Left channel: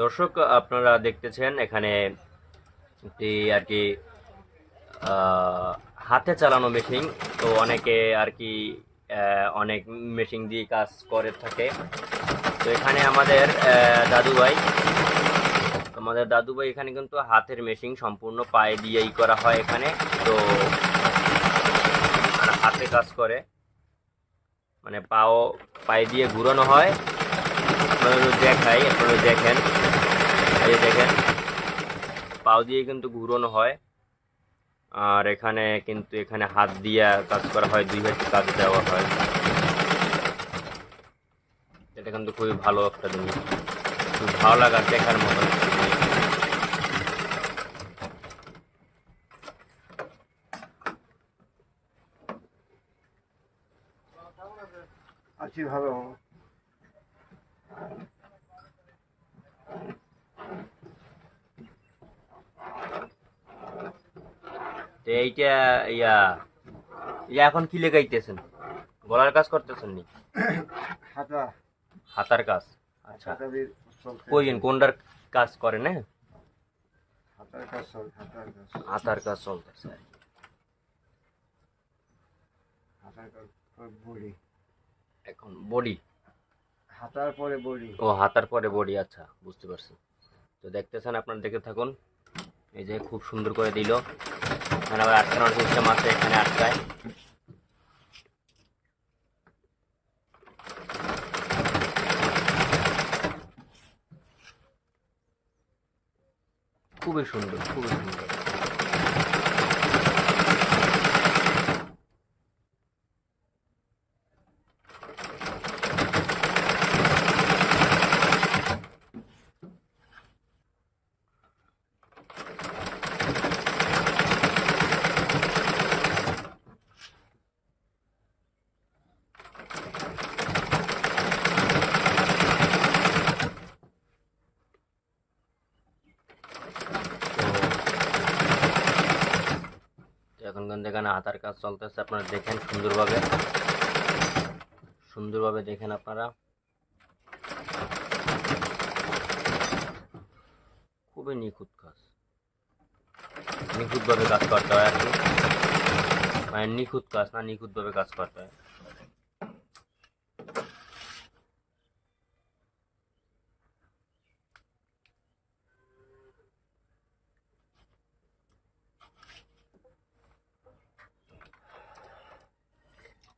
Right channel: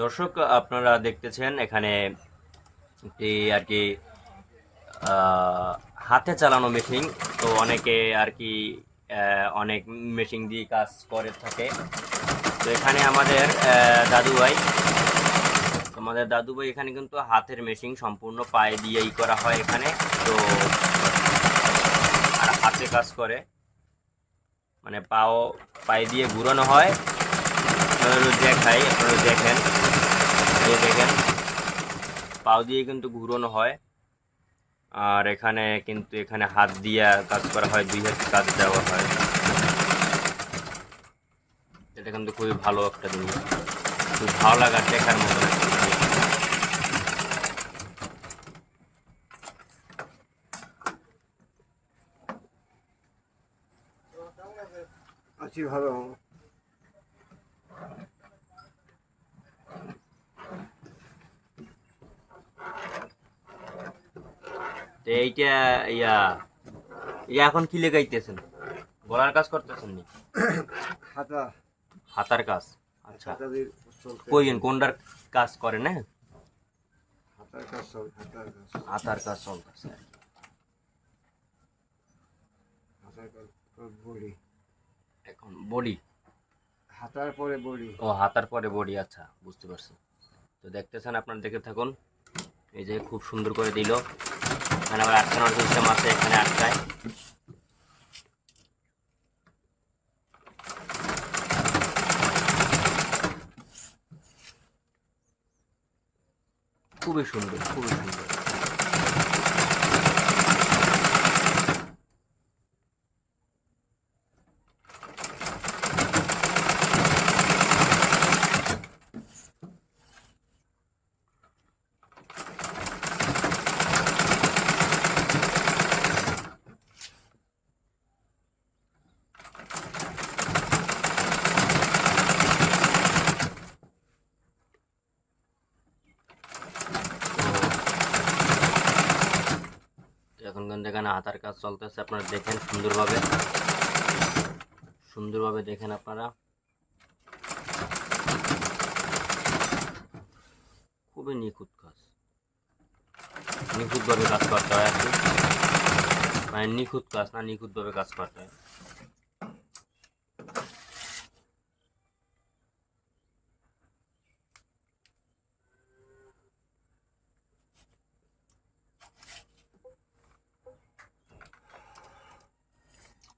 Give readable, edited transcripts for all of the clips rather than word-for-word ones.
দর্শক, আপনারা দেখতেছেন এখানে একটি আর কি হাতে চালানো মেশিন। তো অনেকে আর কি অনেক মেশিন দিয়ে কাজ করে থাকে। তো এখানে আমাদের দাদু ভাই এখানে কিন্তু হাতের মেশিন সম্পূর্ণ পায়ে দিয়েই করা হয় এখানে। তো আর হাতে কাজ করে, মানে পায়ে দিয়ে ঘুরানো হয়। আপনারা দেখেন, এই যে দেখেন, পাও দিয়ে কিন্তু ঘুরানো হয়। আর এখানে হাত দিয়ে কাজ করা হয়, দুই হাতে কাজ দেওয়া হয়। এটা কিন্তু খুবই ভালো একটা জিনিস, খুব ভালো লাগার দেখার মতন একটা জিনিস। আছি ভালো। তো এইটা ইয়া ইয়া এখন কি লেগাইতেছেন? গলার কাজ করতেছেন নি? হাতা হাতার কাজ। আচ্ছা, হাতা দিয়ে চলতে কোনটার কাজ করেন? হ্যাঁ, হাতার কাজ চলে, হাতার কাজ হাতার কাজ চলতেছে আর কি। হাতার কাজ বডি, এখন বডি। হাতার পরে বডি। ও, হাতার পরে বডি। আচ্ছা, বুঝতে পারছি। তো দেখতেছেন, আপনারা দেখে থাকুন। এই যে খুব সুন্দর করে দিল। এখানে আবার আটকানোর সিস্টেম আছে, এখানে আটকায়। খুবই সুন্দর, খুবই সুন্দর। তো এখন কিন্তু এখানে হাতার কাজ চলতেছে, আপনারা দেখেন সুন্দরভাবে, সুন্দরভাবে দেখেন আপনারা। খুবই নিখুঁত কাজ, নিখুঁতভাবে কাজ করতে হয় আর কি। মানে নিখুঁত কাজ না, নিখুঁতভাবে কাজ করতে হয়।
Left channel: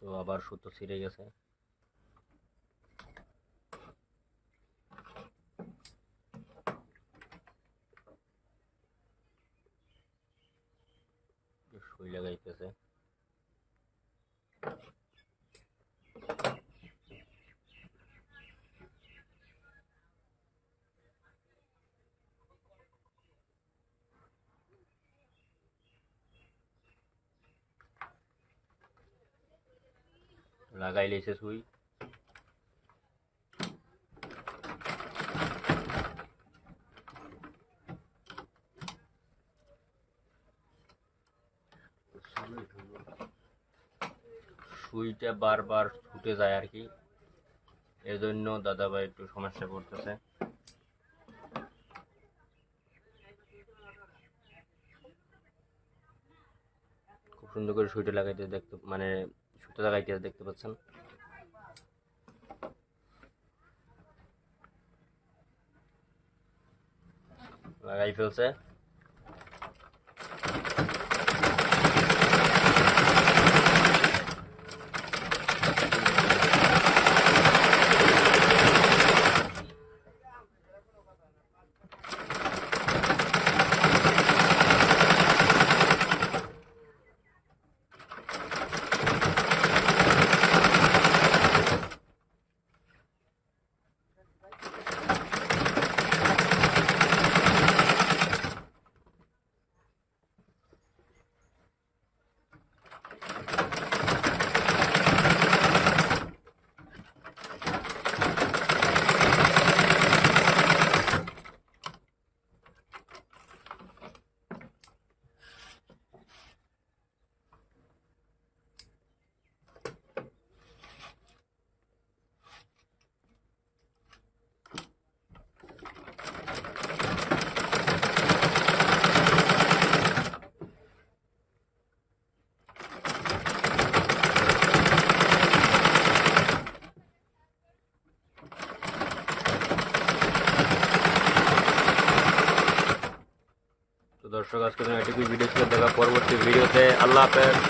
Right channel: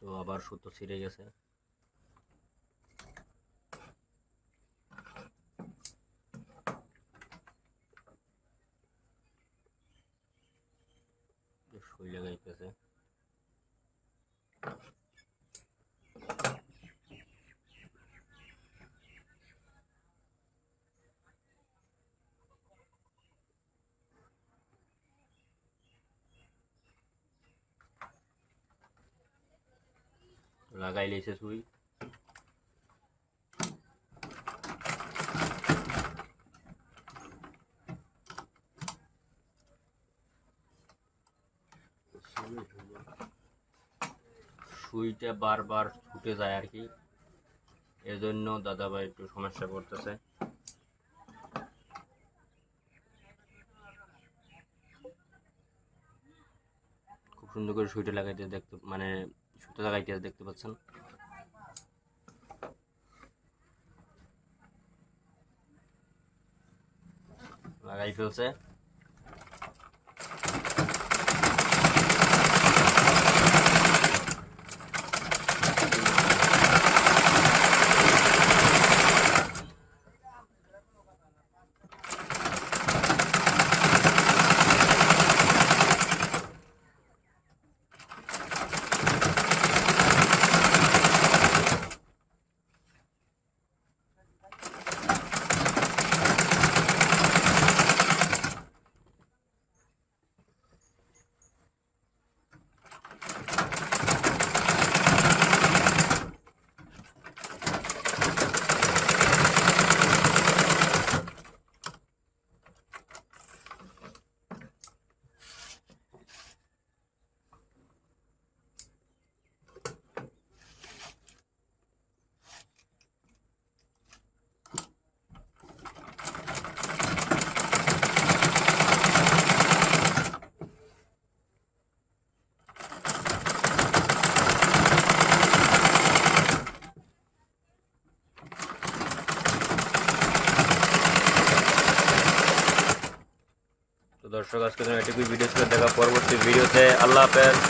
তো আবার সুতো ছিঁড়ে গেছে। সুই লাগাইতেছে। লাগাই লেছে সুই। সুইটা বারবার ছুটে যায় আর কি, এজন্য দাদাভাই একটু সমস্যা করতেছে। খুব সুন্দর করে সুইটা লাগাইতে মানে সুতো লাগাইতে দেখতে পাচ্ছেন। লাগাই ফেলছে। দর্শক আজকের জন্য এটুকুই ভিডিও ছিল, দেখা পরবর্তী ভিডিওতে। আল্লাহ হাফেজ।